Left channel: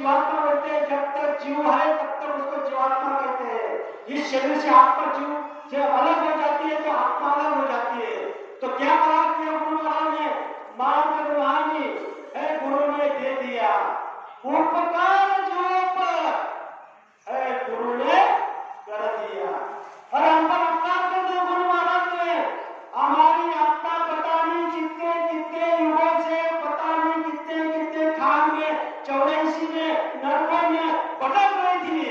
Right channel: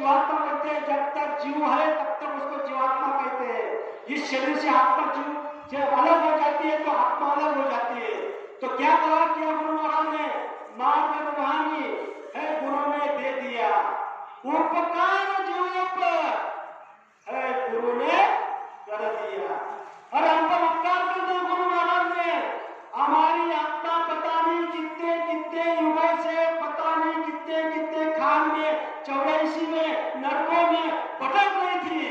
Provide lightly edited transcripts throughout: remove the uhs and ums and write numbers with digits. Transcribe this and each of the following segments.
जीवात्मा बोलते हैं। जब तक जीव है तब तक उसको जीवात्मा कहते हैं। इस शरीर से आत्मा जीव जब अलग हो जाती है तो आत्मा अलग हो जाती है। तो क्या कहा किया गुरु महाराज ने? मार्ग रूहानी है गुरु ने दे दिया, उपकार जीवों पर है गुरु ने कर दिया। और हम पर उपकार कर दिया गुरु महाराज ने। हमारी आत्मा पता नहीं कितने कितने युगों से, पता नहीं कितने कितने खान में, 84 में, नरकों में भटक रही थी।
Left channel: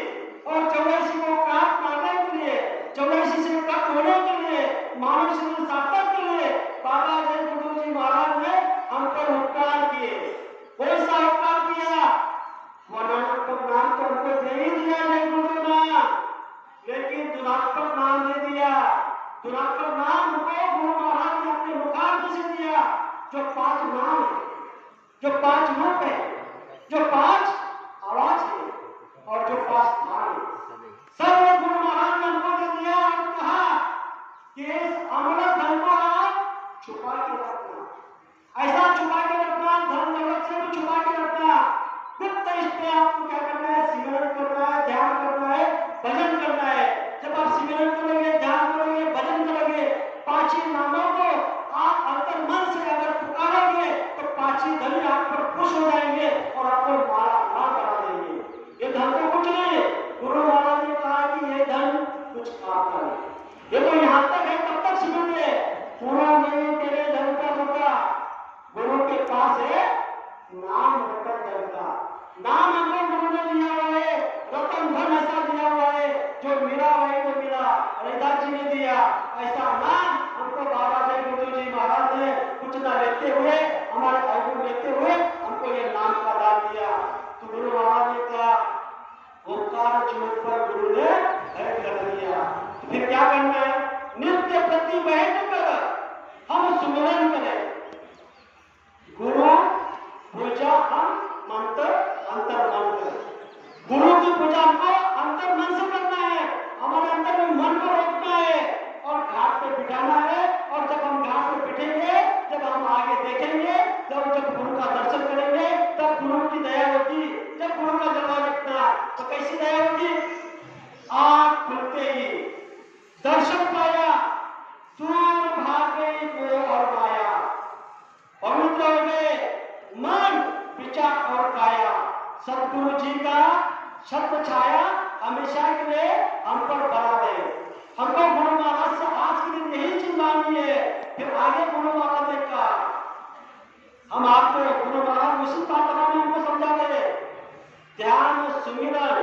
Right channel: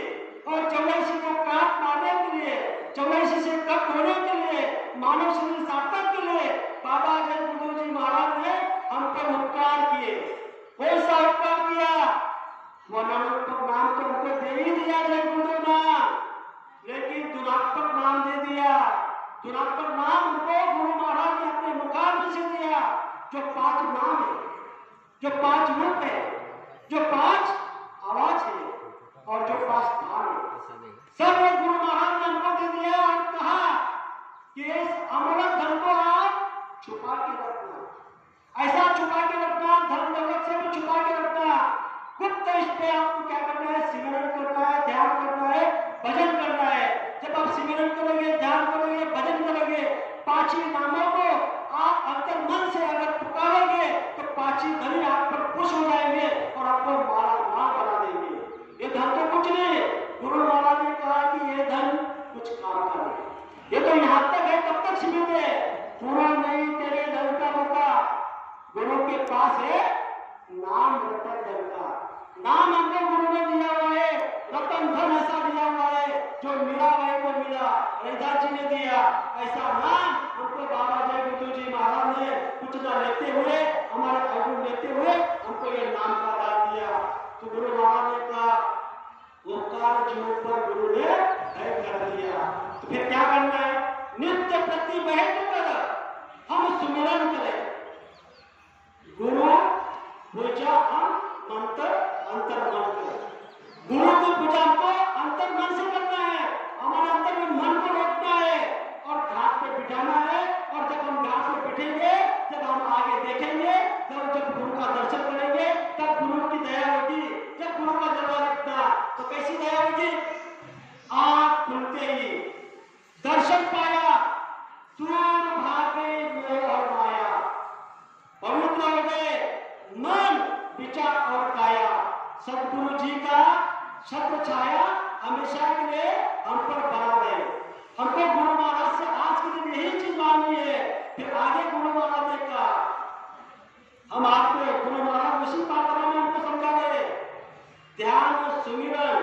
और 84 को काट मारने के लिए, 84 से कट होने के लिए, मानव शरीर सार्थक के लिए बाबा जय गुरु जी महाराज ने हम पर उपकार किए। कौन सा उपकार किया? वो नामात्मक नाम तो हमको दे ही दिया जय गुरु नाम, लेकिन दुरात्मक नाम दे दिया। दुरात्मक नाम हमको गुरु महाराज ने अपने मुखार से दिया। जो 5 नाम है, जो 5 रूप है, जो 5 आवाज है और जो 5 स्थान है, सब एक गुरु महाराज ने हमको दे दिया और कहा कि इस अमृत धन को आप छुपा के रखना। ऐसा छुपा के रखना, धन दौलत से भी छुपा के रखना। गुप्त इस पे आपको क्या करना है? सिमरन करना है, ध्यान करना है, भजन करना है। जब आप सिमरन करोगे, ध्यान करोगे, भजन करोगे, 5 ही नामों को आप अंतर मन से अगर पुकारोगे तो 5 ही धन आप पर खुश हो जाएंगे और आपको माल बना देंगे। ये धन तो कुछ नहीं। गुरु महाराज ने कहा कि ये धन कुछ काम का नहीं। ये तो यहाँ तक है, तब तक सीमित है। पूरा नहीं तेरे धन का धोखा। गुरु के पास है नाम रतन धन का। नाम हमको गुरु ने दिया हुआ है, रतन धन ऐसा दिया हुआ है जो मेरा भाई को मिला, रैदास जी ने दिया। ऐसा नाम हमको बाबा जय गुरु जी महाराज ने कुछ ना लेते हुए, हमारे अवगुण लेते हुए हमको ये नाम का दान दिया। तो गुरु महाराज ने कहा उपकार जीवन पर गुरु ने कर दिया। तो फिर क्या करना है? नित्य प्रति बैठ कर हम सुमिरन करें। गुरु पूजा हम मंत्र अंतर मन करें। गुरु की पूजा हमको अंतर मन से करना है। हमारे अंतर में मन को रोकना है और घाट पे बिठाना है। और जब हम घाट पे बिठेंगे, जब हम आगे देखेंगे, जब गुरु का दर्शन करेंगे, तब गुरु की दया होगी। जब गुरु का जलवा लगता तो कैसी दया होगी? आँख खुलते ही दर्शन पाया, दूर भाग गई मोह और माया, पवित्र हो गए मन, विचार और काया। सदगुरु जी का छत्र छाया हमेशा के लिए हम पर बना रहे। हमको गुरु महाराज से आज के दिन यही चीज मांगनी है। फिर आगे गुरु महाराज ने कहा, हम आपको गुरु महाराज उसी बात में हमको समझा रहे, ध्यान सुमिरन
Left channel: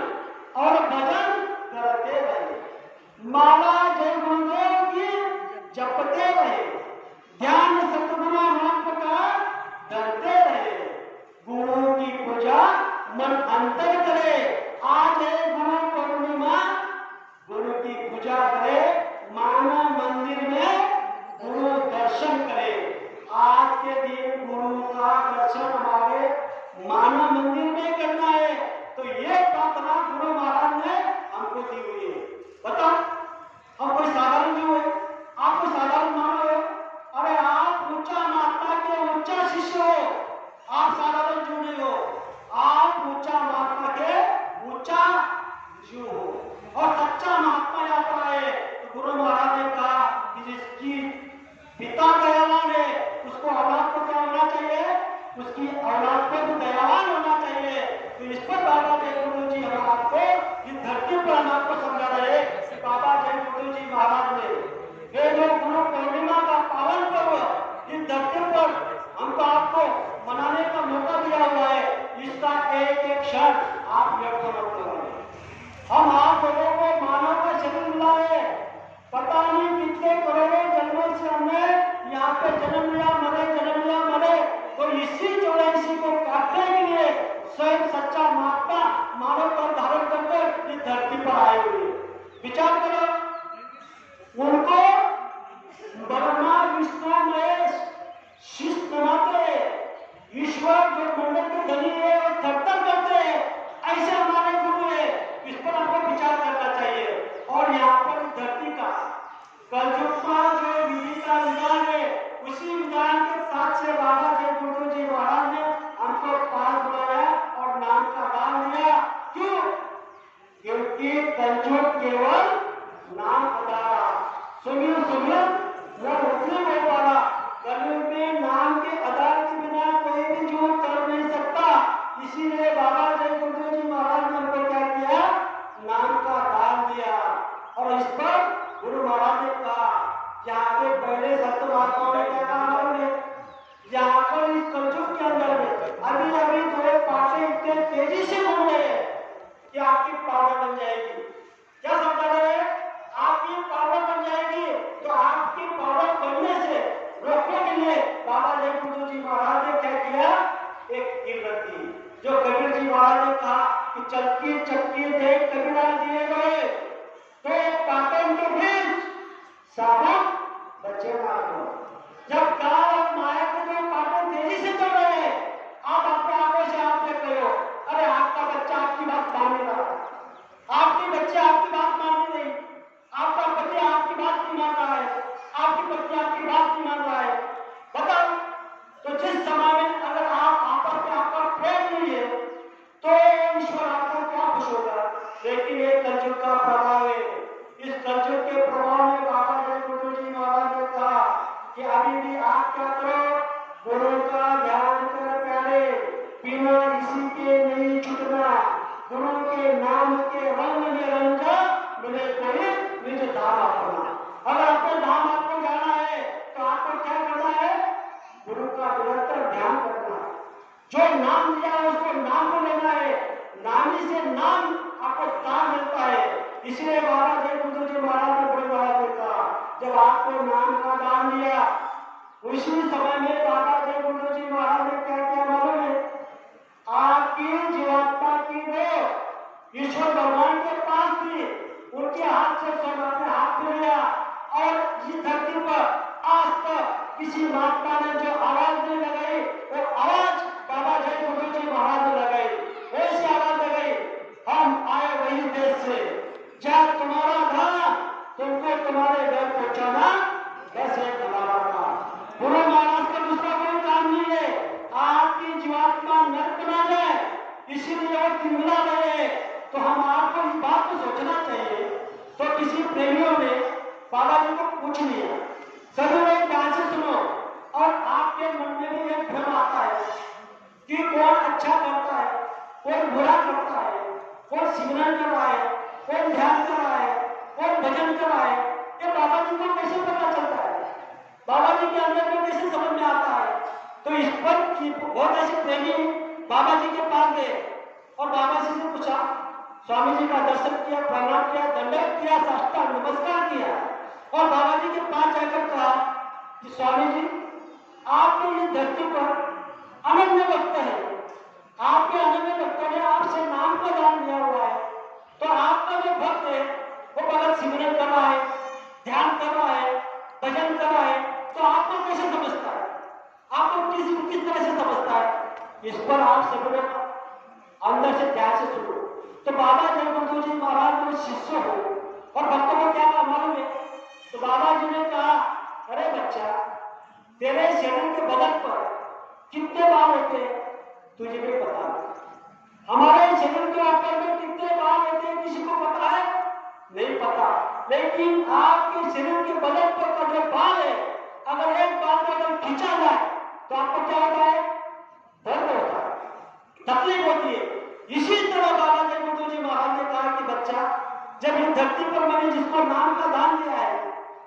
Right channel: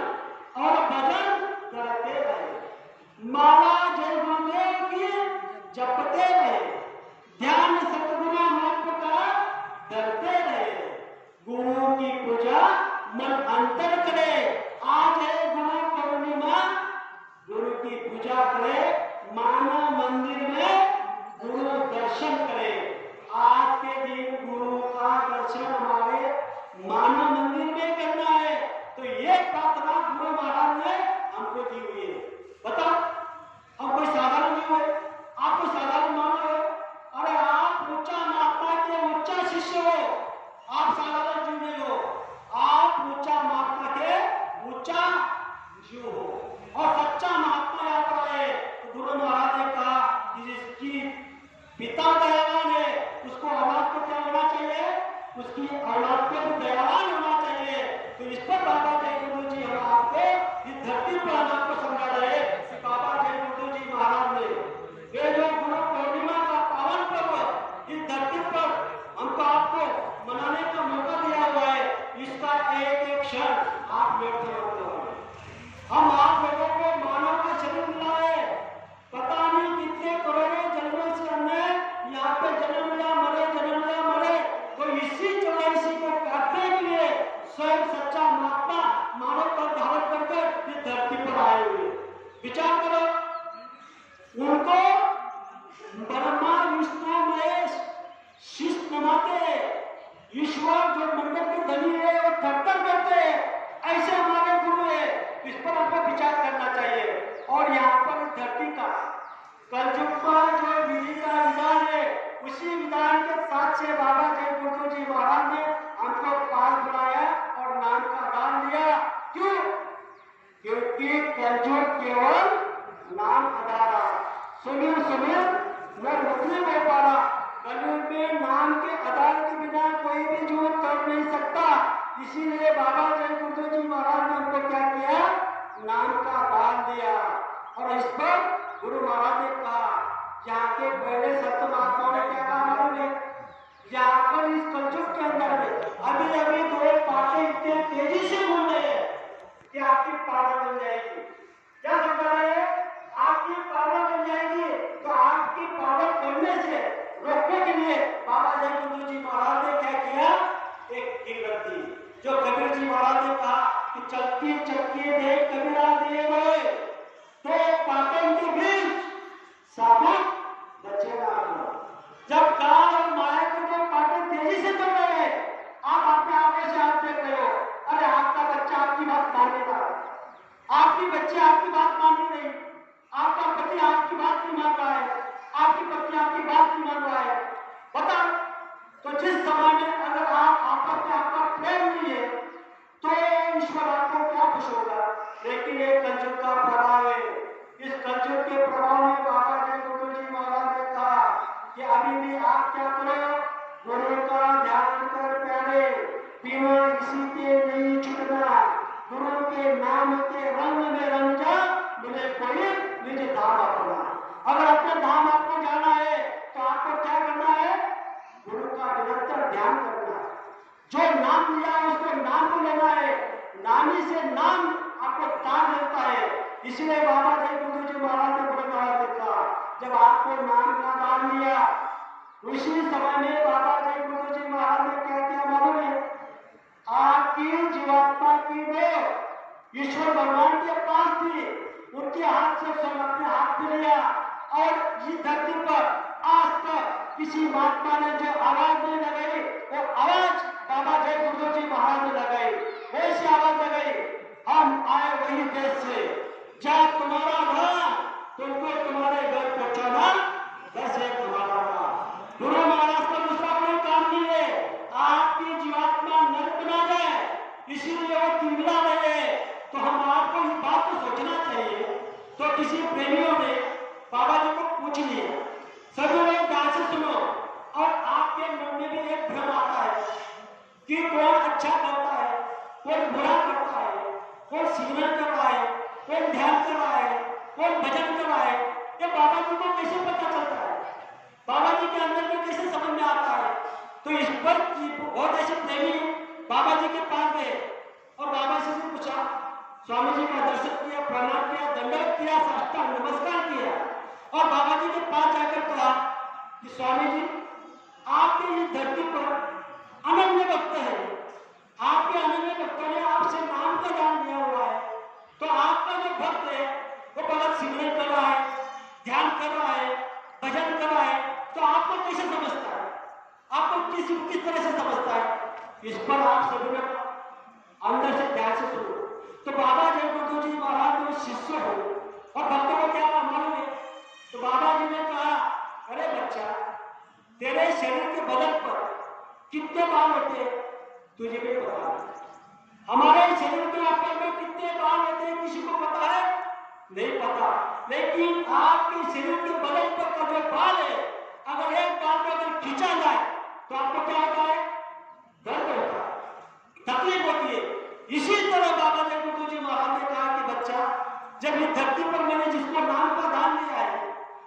और भजन करते रहे, माला जय गुरुदेव की जपते रहे, ध्यान सतगुरु रूप का करते रहे, गुरु की पूजा मन अंतर करे। आज है गुरु पूर्णिमा, गुरु की पूजा करे, मानव मंदिर में गुरु दर्शन करे। आज के दिन गुरु का दर्शन हमारे मानव मंदिर में करना है। तो ये प्रार्थना गुरु महाराज ने हमको दी हुई है। बताओ, हम कोई साधारण जीव है? आप कोई साधारण मानव हो? अरे आप ऊंचा महात्मा के ऊंचा शिष्य हो, आप साधारण जीव नहीं हो। आप ऊंचा महात्मा के ऊंचा जीव हो और सच्चा महात्मा यहाँ पर आए। तो गुरु महाराज ने कहा कि जिसकी पिता दयावान है उसको औलाद को क्या होना चाहिए? उसकी औलाद को भी दयावान होना चाहिए। तो इस पर बाबा जय गुरु जी हम आपको इस धरती पर हम आपको समझा रहे कि बाबा जय गुरु जी महाराज ने ये जो गुरु पूर्णिमा का पावन पर्व इस धरती पर हमको आपको मनाने का मौका दिया हुआ है, इसका एक एक क्षण आप व्यर्थ मत करेंगे। हम आप लोगों को मानव का शरीर मिला है, पता नहीं कितने करोड़ों जन्मों से हमने यहाँ पे जन्म लिया मरे। तो इसी 84 को काटने के लिए स्वयं सच्चा महात्मा मानव पर धारण करके इस धरती पर आए हुए। विचार करो, उनको ब्रह्मा विष्णु महेश शीश नमाते, ईश्वर जो मंदिर के धनी है वो थरथर करते हैं। ऐसे हमारे गुरु है, इस पर आपको विचार करना चाहिए। और यहाँ पर इस धरती का कलयुग का जो विधि का विधान है, उसी विधान के साथ से बाबा जय गुरु जी महाराज ने हमको पास बुलाया और नाम का दान कंजूस केवल नाम अदारा सुमिर सुमिर न मुस्लिम हो पारा। कलयुग में नाम के आधार के बिना कोई भी जीवन कर नहीं सकता। इसीलिए बाबा जय गुरु जी महाराज ने हमको क्या किया, नाम का दान दिया। और इस पर गुरु महाराज ने कहा, यहाँ के पहले संत महात्माओं ने क्या कहा मालूम है, यहाँ पर इस कलयुग के अंदर में अभी अभी दो पाटे इतने तेजी से घूम रहे हैं कि आपकी पावर बन जाएगी। क्या समझ रहे हैं, आपकी पावर बन जाएगी। तो आपकी पावर बनने से रोकने के लिए बाबा जय गुरु जी महाराज ने क्या किया, एक कील रख दी। जो कबीर जी महाराज ने कहा कि चक्की चक्की देख कबीरा दिए गए, तो एक पाटन के बीच साबुत बच्चे ना हो। जब काल और माया के जो पाटन तेजी से चल रहे हैं, आप अपने आंखों से आप देख रहे हो, अरे आपका बच्चा आपकी बात मान नहीं रहा है, आपकी बच्चे आपकी बात मान नहीं रही, आपका पति आपकी बात नहीं मान रहा है, आपकी पत्नी आपकी बात नहीं मान रहा है। बताओ, तो जिस समय में अगर आप आपस में आपका प्रेम नहीं है तो ईश्वर आपको क्या खुश होगा। लेकिन ये कलयुग का प्रभाव है। इस कलयुग के प्रभाव में बाबा जय गुरु जी महाराज ने कहा कि अभी भी आप क्या करो, गुरु का ध्यान कर प्यारे, बिना किसी के नहीं छूटना, गुरु के नाम के रंग में रंग मिले कोई निज धाम अपना। अगर अपने धाम आपको जाना है तो आपको क्या करना है, गुरु का निरंतर ध्यान करना है। जो नाम लिया है उसको नाम को लेना है, नामी से नाम आपको दान मिलता है। इसलिए बाबा जय गुरु जी महाराज ने बड़ी बात देखा, जब आपको नाम का दान दिया, उसी समय में बाबा जय गुरु जी महाराज ने क्या किया मालूम है, आपकी जीवात्मा की देह ईश्वर भगवान के पास थी, उनके हाथ से स्वयं अपने हाथ में लिया। और इस धरती पर आज तक किसी महात्मा ने जो आवाज नहीं लगाई, वो आवाज बाबा जय गुरु जी महाराज ने लगाई। ऐसी आवाज लगाई, हम आए वही देश से, जहाँ तुम्हारा धाम तुमको तुम्हारे घर पहुंचाना, बस एक हमारा काम। गुरु महाराज का दूसरा कोई काम नहीं है, आपकी जीवात्मा नरक बना जाए, इसीलिए वो तिमिरा रहे हैं। तो हम आपको इस बात को सोचना चाहिए। तो किसी प्रेमियों ने बाबा जी को पूछ लिया, सभी लोग ध्यान से सुनो, और आपके मन में भी एक भ्रम आता है कि कौन अच्छा करता है, कौन बुरा करता है, कौन सिमरन कर रहा है, कौन ध्यान कर रहा है, कौन भजन कर रहा है। ये बाबा जी को कैसे पता चलता है, बाबा जी के अंदर में कैसे समझ में आता है। तो इस पर बहुत ऐसे प्रेमी बाबा जी के पास गए और बाबा जी से पूछा, स्वामी जी का दर्शन किया, प्रणाम किया, दंडवत किया, साष्टांग नमस्कार किया, और बाबा जी के पास जाकर कहा कि स्वामी जी, आपके इस धरती पर अनन्य भक्त है, आपके अनन्य भक्तों ने आपसे नाम का दान दिया हुआ है, तो आपका जो भक्त है वो भगत सिमरन कर रहा है, ध्यान कर रहा है, भजन कर रहा है, तो आपको कैसे समझता है, आपको किस तरह से समझता है। इस पर आप सभी लोग अंदर से ध्यान से सुनो। तो बाबा जय गुरु जी महाराज जो शिष्य हो और भक्तों को क्या कहा मालूम है, तो बाबा जी ने कहा, अरे बच्चा, तेरे शरीर के बदन पर कितने बाल होते हैं तुझे भी पता है, हमारे शरीर के ऊपर में कितने बाल होते हैं किसी को पता है, नहीं पता। लेकिन आपके शरीर के बदन पर का जो बाल है, अगर एक बाल को अगर खींचा जाए तो आपको क्या होता है, दर्द होता है, तकलीफ होती है। इसी तरह बाबा जय गुरु जी महाराज ने कहा कि बच्चा, जब इस धरती पर मैंने जिसको नाम का दान दिया है,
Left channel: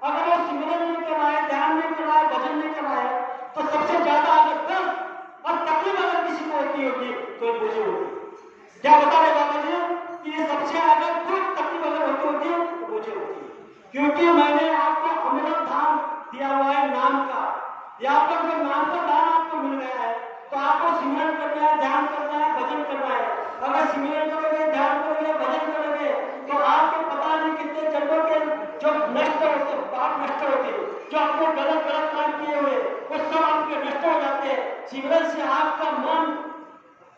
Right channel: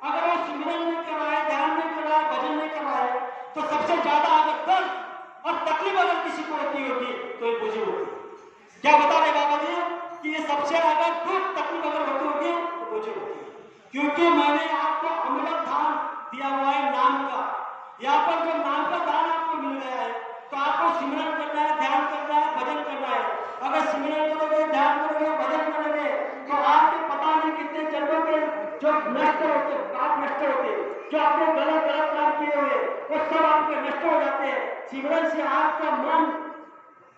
अगर वो सिमरन नहीं कर रहा है, ध्यान नहीं कर रहा है, भजन नहीं कर रहा है, तो सबसे ज्यादा अगर दर्द और तकलीफ अगर किसी को होती होगी तो ये मुझे होगी। क्या बता रहे बाबा जी कि ये सबसे अगर दुख तकलीफ अगर होती होगी तो मुझे होती है, क्योंकि मैंने आपको अमृत धाम दिया हुआ है नाम का। यहाँ पर जो नाम का दान आपको मिल गया है, तो आपको सिमरन करना है, ध्यान करना है, भजन करना है। अगर सिमरन करोगे, ध्यान करोगे, भजन करोगे, तो आपके पता नहीं कितने जन्मों के जो नष्ट होते, पाप नष्ट होते, जो आपने गलत गलत काम किए हुए वो सब आपके नष्ट हो जाते हैं। सिमरन से आपका मन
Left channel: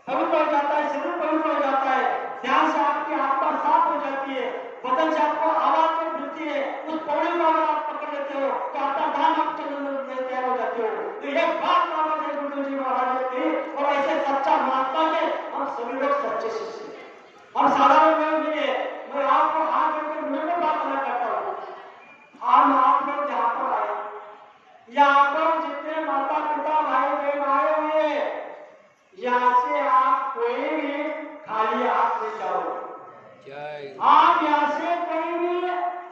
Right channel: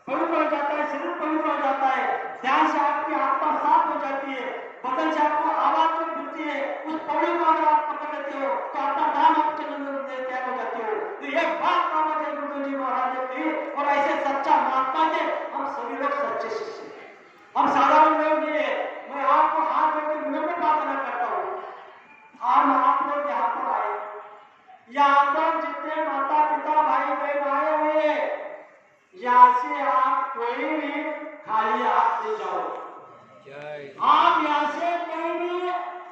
पवित्र हो जाता है, शरीर पवित्र हो जाता है, ध्यान से आपकी आत्मा साफ हो जाती है, बदन से आपको आवाज जो मिलती है, उस पौड़ी को अगर आप पकड़ लेते हो तो आपका दान आप तैयार हो जाते हो। तो ये बात बाबा जय गुरु जी महाराज ने कही, और ऐसे सच्चा महात्मा के हम सभी लोग सच्चे शिष्य हैं। हम साधारण लोग नहीं है। मैं आपको खाली हाथ नहीं जाओगे। जय आप यहाँ से कहीं भी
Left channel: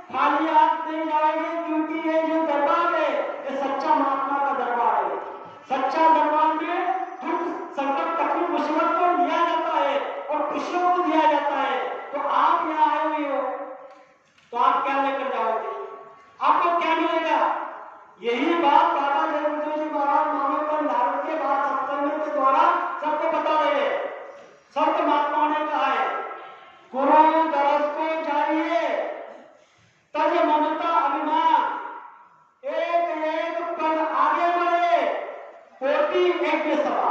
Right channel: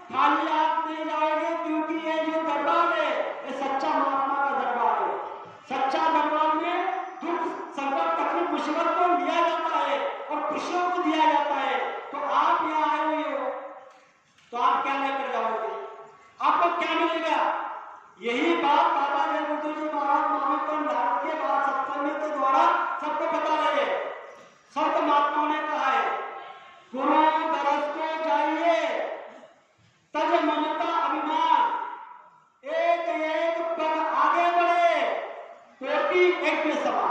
खाली हाथ नहीं जाओगे, क्योंकि ये जो दरबार है ये सच्चा महात्मा का दरबार है। सच्चा दरबार में दुख संकट तकलीफ मुसीबत को लिया जाता है और खुशियों को दिया जाता है। तो आप यहाँ आए हुए हो तो आप क्या लेकर जाओगे, आपको क्या मिलेगा? यही बात बाबा जगदीश जी महाराज मानव नारद के बाद सत्संग के द्वारा सबको बता रहे हैं। संत महात्माओं ने कहा है, गुरु दरस को चाहिए तज ममता अभिमान, एक एक पद आगे बढ़े कोटि एक में सवाल।